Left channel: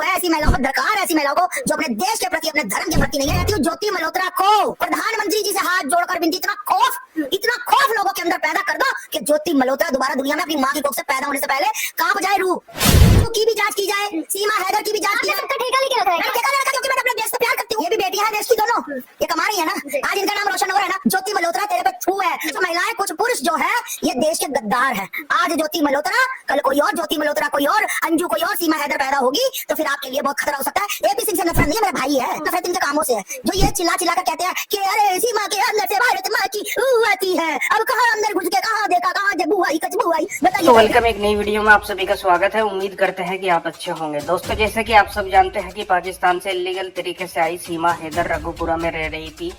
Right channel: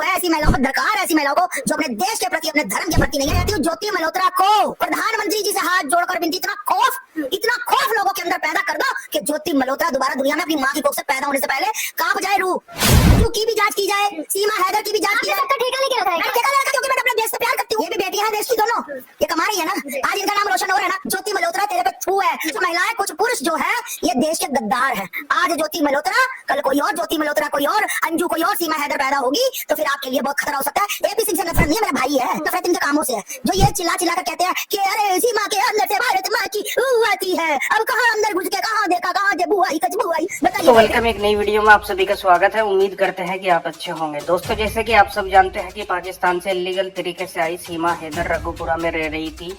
है ऐसी महिलाओं पर, दरकार है ऐसी महिलाओं को जो अपने देश के प्रति, अपने धर्म के प्रति नहीं है। ज्योति मल्होत्रा को प्रधानमंत्री जी से हाथ जोड़कर विनती, इतना खौफ लोगों के अंदर पैदा कर दो कि ज्योति मल्होत्रा दोबारा दुनिया में अपनी माँ की कोख से पैदा होने से पहले कांप जाए रूह। की भी जांच की जाए, सीमा हैदर की भी जांच की जाए। ठेका लेके रखा है क्योंकि मैं अपने देश से प्यार करती हूँ। ये भी बेटियां हैं देश की दोनों, ये कमा रही है ना, आज इनका नाम रोशन हो रहा है ना। ज्योति मल्होत्रा तेरे पे थू है। जो महिलाएं, कुछ पुरुष जो है ये देश के गद्दार हैं। आज ज्योति मल्होत्रा, कल कोई और, ज्योति मल्होत्रा कोई और, अंजू कोई और, सीमा हैदर पैदा होगी तो फिर आपके लिए बहुत खतरा हो सकता है। एपी सिंह से नफरत नहीं है, मेरा भाई है, नफरत इनके कामों से है जो ये चिल्ला चिल्ला कर कहते हैं कि अरे सीमा के अंदर से भारत माँ की आती है। अब कहाँ अंदर घुस के कहाँ देखा, कहाँ जबू आई कचबू आई। तो वेलकम एक नई वीडियो में आप सभी का स्वागत है। उम्मीद करते हैं कि आप अच्छे होंगे। दोस्तों, जैसे कि आप सब जानते हैं कि पाकिस्तान से इलीगल तरीके से आई सीमा हैदर रघुपुरा में रह रही थी,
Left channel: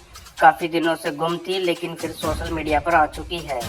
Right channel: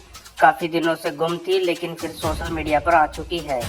काफी दिनों से गुम थी, लेकिन फिर सोशल मीडिया पर आ चुकी है।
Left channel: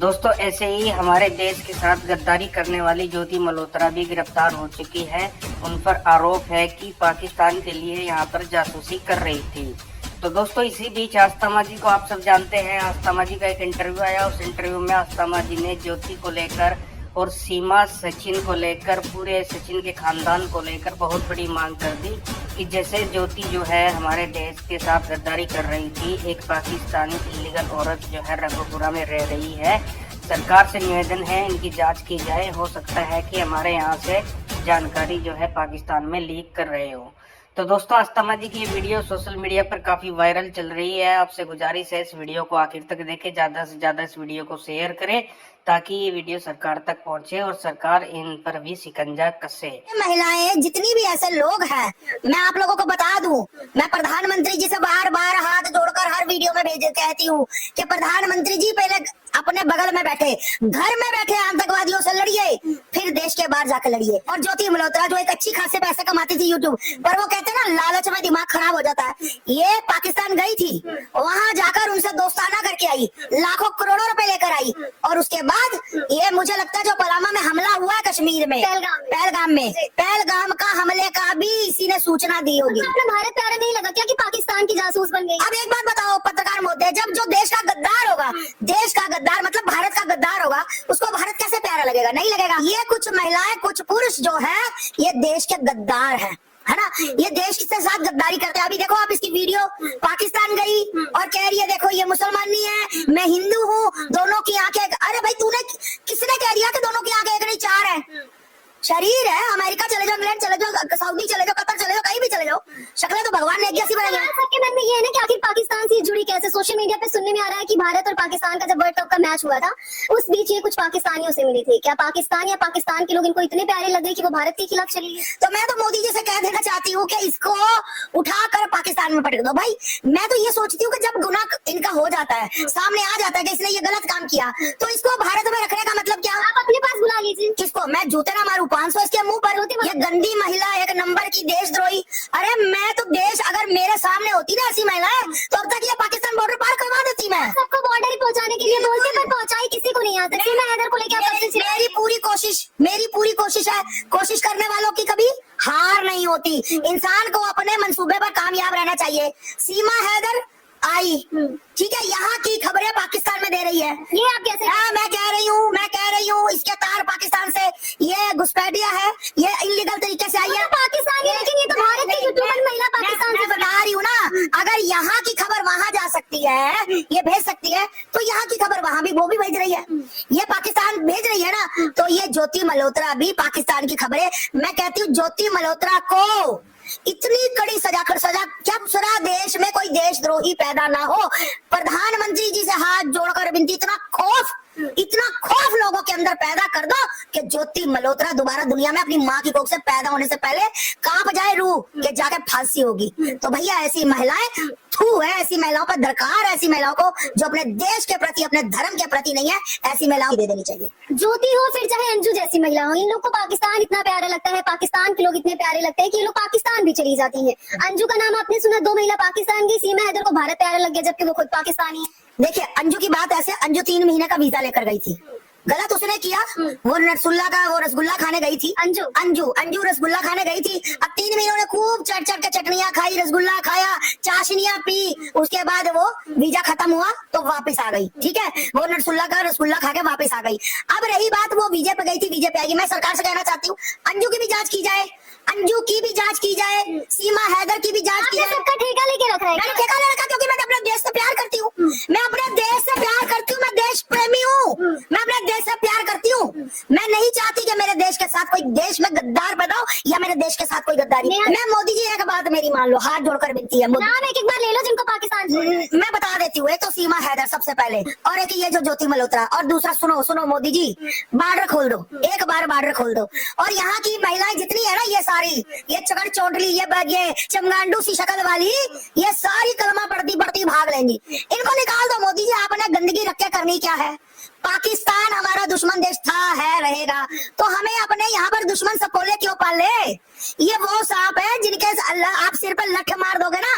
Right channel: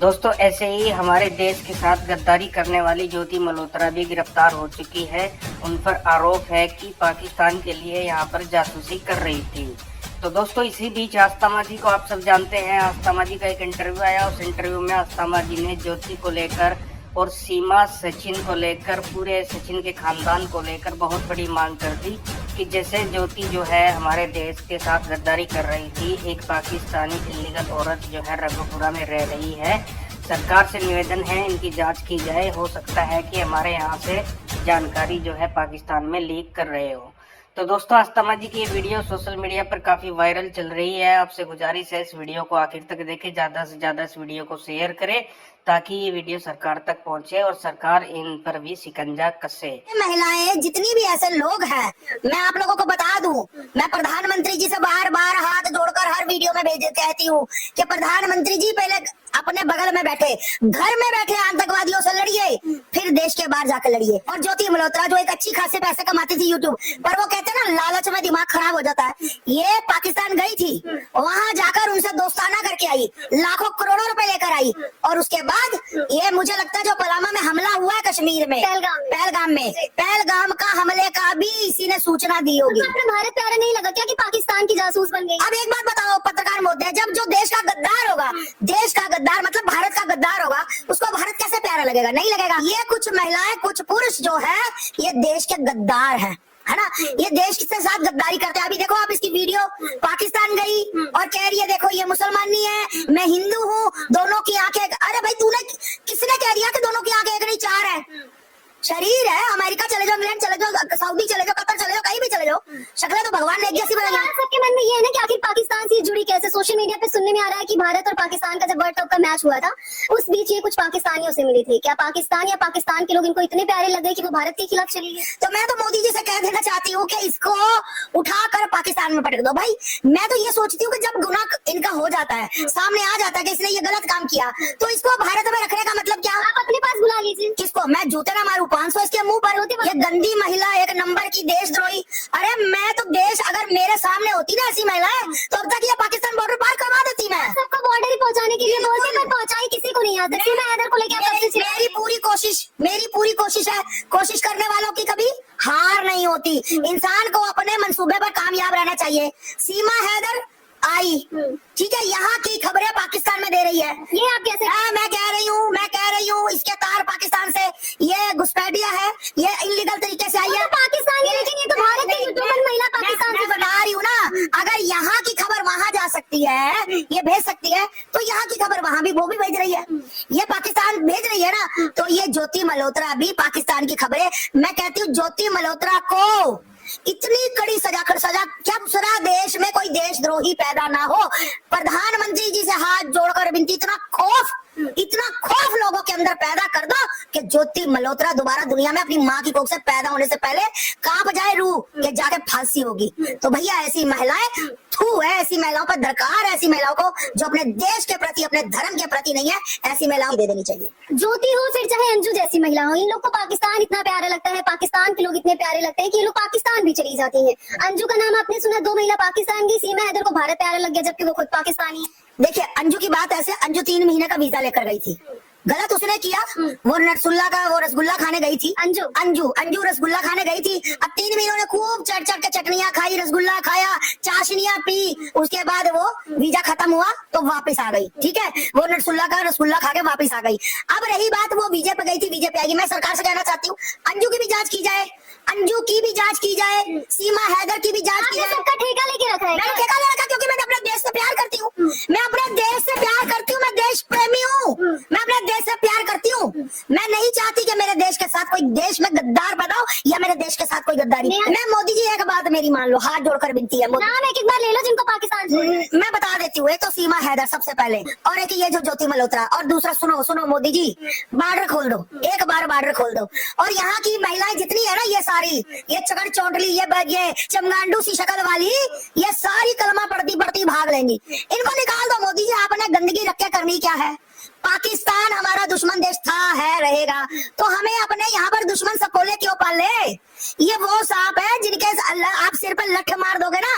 दोस्तों, ऐसे ही हमारे देश के साथ गद्दारी करने वाली ज्योति मल्होत्रा भी गिरफ्तार हो चुकी है। उन पर आरोप है कि पाकिस्तान के लिए यहाँ पर जासूसी कर रही थी। तो दोस्तों, इसी बीच आस्था जी को आप सब जानते हैं। आस्था जी का एक इंटरव्यू आया, उस इंटरव्यू में आस्था जी ने ज्योति को लेकर और सीमा, सचिन को लेकर, पूरे सचिन के खानदान को लेकर बहुत बड़ी मांग कर दी कि जैसे ज्योति जो है हमारे देश के साथ गद्दारी कर रही थी, एक पाकिस्तानी इल्लीगल औरत जो है रघुपुरा में रह रही है। सरकार से निवेदन है इनकी जांच की जाए। हो सकता है कि हमारे यहाँ से जानकारी जो है पाकिस्तान में लीक कर रहे हो। तो दोस्तों, आस्था जी की ये वीडियो सोशल मीडिया पर काफी वायरल चल रही है। आपसे गुजारिश है इस वीडियो को आखिर तक देखें, ज्यादा से ज्यादा इस वीडियो को शेयर करें ताकि ये वीडियो सरकार तक पहुंचे और सरकार इन पर भी शिकंजा कसे। महिलाएं जितनी भी ऐसे लोग हैं, मैं आप लोगों को बता दूं, मैं प्रधानमंत्री जी से बार बार हाथ जोड़कर हर वीडियो में भेज कहती हूँ कि प्रधानमंत्री जी पहले अपने बगल में बैठे, घर में बैठे आतंकवादियों से लड़िए, फिर देश के बाहर जाकर लड़िए। और ज्योति मल्होत्रा जो एक अच्छी खासे पैसे कमाती थी यूट्यूब पर, वो कहते हैं ना लालच में दिमाग खराब हो जाता है। ये पाकिस्तान गई थी, वहां जाकर उनसे दोस्ताना करके आई, लाखों करोड़ों रुपए लेकर आई, और उसके बाद ये मुझे लगता है जो पलामा में हमला हुआ है कश्मीर में, पहलगाम का हमले का भी इसी ने सूचना दी होगी। भारत प्यारा नहीं लगा क्या कि पाकिस्तान की जासूस बन गई? अब एक बात बताओ पत्रकार महोदय, जब जो देश का गद्दार होगा, देश का गद्दार मतलब भारत का गद्दार होगा, उसको भारत कैसे प्यारा लगेगा? नहीं लगेगा। ये कुछ महिलाएं, कुछ पुरुष जो है ये देश के गद्दार है ना, ये देश के साथ गद्दारी करते हैं। अभी देखो आप इसकी वीडियो, पाकिस्तान गई और कह रही है देखो ये मुसलमान नहीं है, मैं हिंदू हूँ, दोनों की आंखें। अरे भाई तूने, किसने कह दिया कि दोनों की आंखें एक नहीं चार है? शरीर है, अमेरिका चले जाओ, इंग्लैंड चले जाओ, सऊदी चले जाओ, कतर चले जाओ, कहीं भी चले जाओ, शक्लें तो भगवान ने एक जैसी बनाई। सबके मन में ये है ना कि आखिर पाकिस्तान से जुड़ी कैसे? सोशल मीडिया पे सुनने में आ रहा है कि भारत और पाकिस्तान का जब वर्ल्ड कप का मैच हुआ था, उस बीच ये कुछ पाकिस्तानियों से मिली थी। क्या पाकिस्तान या पाकिस्तान के लोग इनको इतने प्यारे लगे कि वो भारत के खिलाफ चली गई? तो मैं तो मोदी जी से कह देना चाहती हूँ कि इसको उठाकर पाकिस्तान में पटक दो। भाई मैं तो ये सोचती हूँ कि जब गुनाह इनका हो जाता है, सामने आ जाता है कि इसने ये गलत काम किया, तो इसको भारत में रखने का मतलब क्या? आप अपने पास बुला लीजिए। किसको? मैं जूते ना मारूं 500 इसके मुंह पर? ये गंदी महिला, एक नंबर की देशद्रोही। अरे मैं तो देश, अगर मेरे सामने होती ना ऐसी महिलाएं, तो अब तक ये पाकिस्तान बॉर्डर पार करवा देती। मैं सबको बॉर्डर ही पहुंचाने के लिए बोलती, पर पहुंचाई किसी को नहीं आता। सीमा हैदर को लेकर मेरी पूरी कोशिश है। कोशिश करने वालों की कभी हार नहीं होती। इंसान को अपने मंसूबे पर कामयाब रहना चाहिए। सीमा हैदर आई, ठीक है, यहाँ की खबरें पाकिस्तान में दे रही है। ये आप कैसे? मैं कह रही हूँ इसके तार पाकिस्तान से, ये घुसपैठिया है, ये इलीगल तरीके से आई है। पाकिस्तान है, लेकिन ये तो भारत की यूट्यूबर महिला पाकिस्तान से बता रही हूँ ना। अगर यहाँ की खबर वहाँ जा सकती है, ये भेज सकती है, तो यहाँ की खबर वहाँ भी वो भी भेज रही है, ये पाकिस्तान भेज रही है ना। तो ये ज्योति मल्होत्रा भी पाकिस्तान की खबरें, मैं कहती हूँ ज्योति मल्होत्रा को इतनी कड़ी सजा कर, क्या पूरा देश में कोई देशद्रोही पैदा ना हो। प्रधानमंत्री जी से हाथ जोड़कर विनती, इतना खौफ लोगों के अंदर पैदा कर दो कि ज्योति मल्होत्रा दोबारा दुनिया में अपनी माँ की कोख से पैदा होने से पहले कांप जाए रूह कि जाके फांसी होगी। तो भैया ऐसी महिलाएं थू है, ऐसी महिलाओं पर दरकार है ऐसी महिलाओं को जो अपने देश के प्रति, अपने धर्म के प्रति नहीं है, ऐसी महिलाओं दे देनी चाहिए। ज्योति हो फिर चाहे अंजू जैसी महिला हो, इन लोग को पाकिस्तान इतना प्यारा लगता है, पाकिस्तान के लोग इतने प्यारे लगते हैं कि ये लोग पाकिस्तान भी चली जाती हैं। अंजू का नाम आपने सुना, 2 महिला पाकिस्तान गई, सीमा हैदर को भारत प्यारा लग गया जबकि वो खुद पाकिस्तानी है। देखिए अंजू की बात ऐसे, अंजू 3 महीने का वीजा लेकर गई थी, गलत उसने किया। वो रसगुल्ला खाने गई थी। अंजू रसगुल्ला खाने गई थी। अब 3 महीनों ने खूब चढ़ के चटनियां खाई, रसगुल्ला खाया, चाशनियां पी, उसके बाद वो वीजा खत्म हुआ तो वापस आ गई। ठीक है, वो रसगुल्ला खा के वापस आ गई। अब रही बात, वो वीजे पे गई थी, वीजे पे आएगी। मैं सरकार से कहना चाहती हूँ अंजू की भी जांच की जाए, अंजू की भी जांच की जाए, सीमा हैदर की भी जांच की आपने जाए। सबका ठेका लेके रखा है मैंने क्या? ठेका ले रखा क्योंकि मैं अपने देश से प्यार करती हूँ। मैं अपने देश से प्यार करती हूँ, मैं देश प्रेमी हूँ, मैं अपने देश से प्यार करती हूँ। मैं नहीं चाहती कि मेरे देश के साथ कोई देश में गद्दार बनाओ या मेरे देश के साथ कोई गद्दारी। मैं मोदी जी एक बात मेरी मान लो, हाथ जोड़कर विनती है मोदी। नाम एक एक बार ले लो जिनको पाकिस्तान छोड़ना। मैं बता देती हूँ, एक तो सीमा हैदर सबसे पहले, और एक ये जो ज्योति मल्होत्रा, और दूसरा सुनो सुनो मोदी जी, बॉर्डर खोल दो, एक बार बॉर्डर खोल दो, और यहाँ की महिलाएं जितनी है ना, ये सारी, ये चकड़ चौंडली, ये चमगांडू सी शक्ल वाली, ये सारी कलमा पढ़ती पढ़ती भाग लेंगी। इनको निकाल दो मोदी जी, आपने गंदगी रख के करनी क्या है? पाकिस्तान हमारा दुश्मन देश था, है, रहेगा, तो हमें अपने यहाँ पर दुश्मन सकोले क्यों पाल ले? ये वो सांप है जिनके अल्लाह आप सिर पर लठ मार दोगे ना,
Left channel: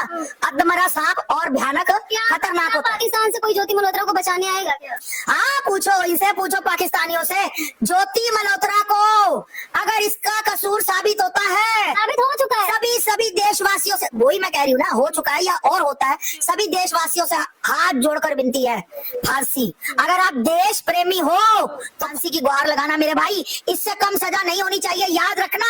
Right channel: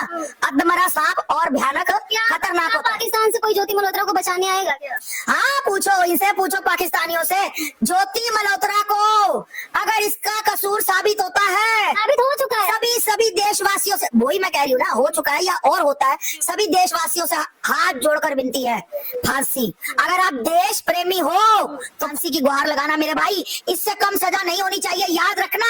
अधमरा सांप और भयानक खतरनाक होता है। पाकिस्तान से कोई ज्योति मल्होत्रा को बचाने आएगा क्या? हाँ पूछो, इनसे पूछो पाकिस्तानियों से, ज्योति मल्होत्रा को अगर इसका कसूर साबित होता है, साबित हो चुका है। सभी देशवासियों से, वही मैं कह रही हूँ ना, हो चुका है या और होता है, सभी देशवासियों से हाथ जोड़कर विनती है, फांसी। अगर आप देश प्रेमी हो तो फांसी की गुहार लगाना मेरे भाई, इससे कम सजा नहीं होनी चाहिए। याद रखना,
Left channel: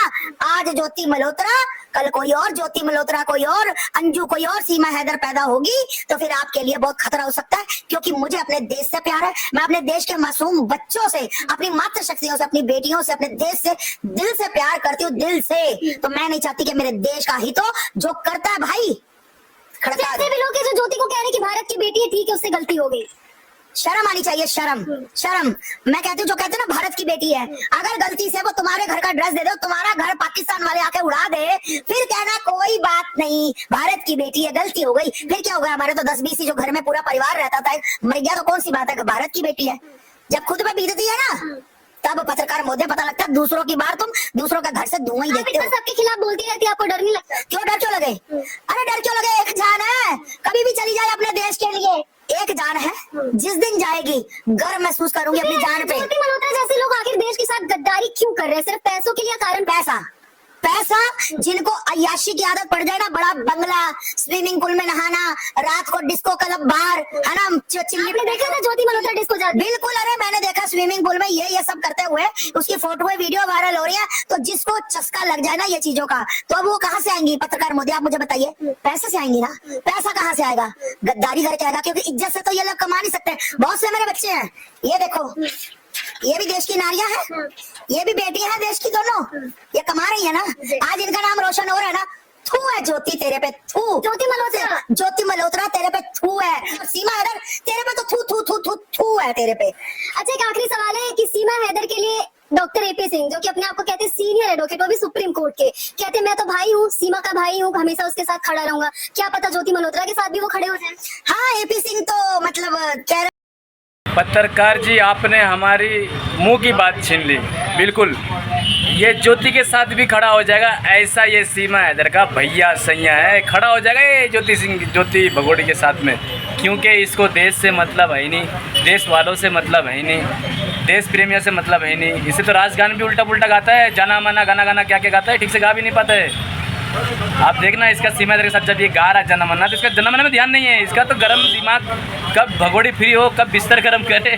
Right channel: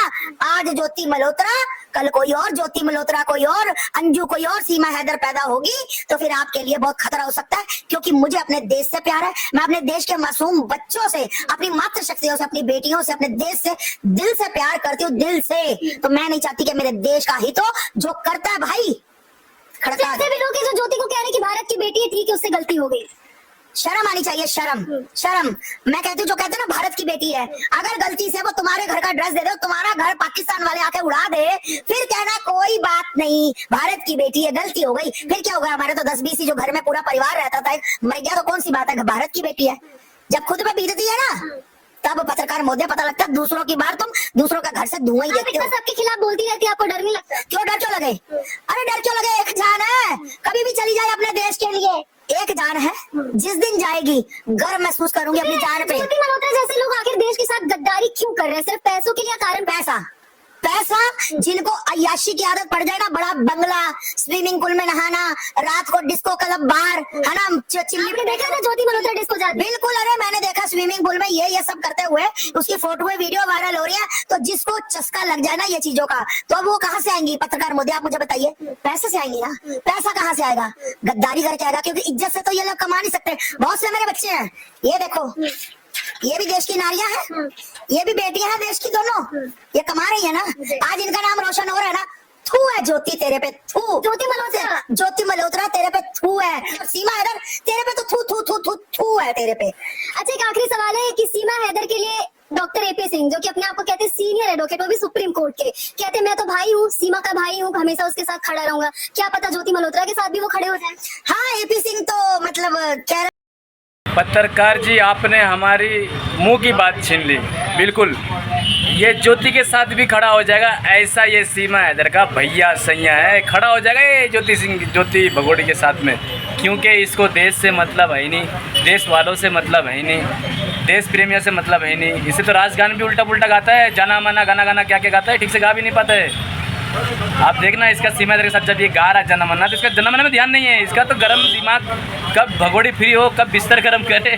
आज ज्योति मल्होत्रा, कल कोई और, ज्योति मल्होत्रा कोई और, अंजू कोई और, सीमा हैदर पैदा होगी तो फिर आपके लिए बहुत खतरा हो सकता है। क्योंकि मुझे अपने देश से प्यार है, मैं अपने देश के मासूम बच्चों से, अपनी मातृशक्तियों से, अपनी बेटियों से, अपने देश से दिल से प्यार करती हूँ, दिल से। तो मैं नहीं चाहती कि मेरे देश का हित हो, जो करता है भाई खड़का ऐसे भी लोग हैं जो ज्योति को कह रहे हैं कि भारत की बेटी थी कि उससे गलती हो गई। शर्म आनी चाहिए, शर्म, शर्म। मैं कहती हूँ, जो कहते हैं ना भारत की बेटी है, अगर गलती से वो तुम्हारे घर का ड्रेस दे दे, तुम्हारा घर पाकिस्तान वाले आके उड़ा दे, फिर कहना कोई बात नहीं, भारत की बेटी है, गलती हो गई, फिर क्या होगा? हमारे तो 10-20 ही जो घर में पूरा परिवार रहता था, मर गया तो कौन सी बात है, भारत की बेटी है। जब खुद पे बीतती है ना, तब पत्रकार मोदी पता लगता है, दूसरों की बात तुम दूसरों का घर से धुआं ही देखते हो। सबके खिलाफ बोलती रहती है, आपको डर नहीं लगता? क्यों डर क्यों लगे? अरे डर क्यों लगे? एक जान है, कभी भी चली जाए अपने देश के लिए, एक जान है, जिस दिन जाएगी गर्व महसूस करूंगी अपनी जान पे। ज्योति मल्होत्रा जैसे लोग आखिर देश के साथ गद्दारी क्यों कर रहे हैं? सिर्फ पैसों के लिए? कारण पैसा, पैसा। जिनको अय्याशी की आदत पड़ जाए ना, बड़ा बंगला, स्विमिंग पूल में नहाना, रात को डिस्को क्लब बार, है ना, आपने देखा था ज्योति मल्होत्रा डिस्को जाती? बिल्कुल, अरे मैंने देखा स्विमिंग पूल में ये सब करते हुए, उसकी फोटो वीडियो वायरल हो रही है। तो जिसको चस्का लग जाए ना ये चीजों का, तो अब वो कहाँ से आएंगी? पत्रकार मोदी आप मुझे बताइए, पैसे से आएंगी ना? पैसा कहाँ से आएगा? गद्दारी करके आएगा, क्योंकि इज्जत से तो ये लोग कमा नहीं सकते। बहुत से मेरे बच्चे हैं, ये देखो, ये भी देश की नारियां हैं, ये भी बेटियां हैं देश की, दोनों ये कमा रही है ना, आज इनका नाम रोशन हो रहा है ना। थू है ज्योति तेरे पे, थू। ज्योति मल्होत्रा, ज्योति मल्होत्रा तेरे पे थू है, और सीमा हैदर तेरे पे तो थू थू थू थू थू है तेरे पे। अच्छा, एक आखिरी सवाल है कि सीमा हैदर के लिए डॉक्टर एपी सिंह, जो कि अपने आप को कहते हैं सीनियर एडवोकेट, वो भी सुप्रीम कोर्ट के, कहते हैं मैं तो भाई हूँ, सीमा का भाई हूँ, हमेशा उसके साथ खड़ा रहूंगा। क्या पता ज्योति मल्होत्रा के साथ भी वो खड़े हो जाए? हाँ, एपी सिंह तो मतलब कह पत्रकार जी, आपने हमारी मुंह की बात छीन ली। बिल्कुल, ये ज्योति के साथ भी खड़ा हो जाएगा, ऐसा ये सीमा हैदर का भैया सैया है, खड़ा हो जाएगा ये ज्योति भगोड़ी के साथ में, क्योंकि इसको देश से मतलब है ही नहीं, देश वालों से मतलब है ही नहीं, देश प्रेमियों से मतलब है ही नहीं। इसे तो राजगान भी उल्टा पुल्टा गाता है, जाना माना गाना क्या क्या गाता है, ठीक से गा भी नहीं पाता है। आप देखना, इसका सीमा हैदर के साथ जब ये गा रहा है जनमना, तो इसका जनमना में ध्यान नहीं है, इसका तो गर्म दिमाग, कब भगोड़ी फ्री हो, कब बिस्तर गर्म करे।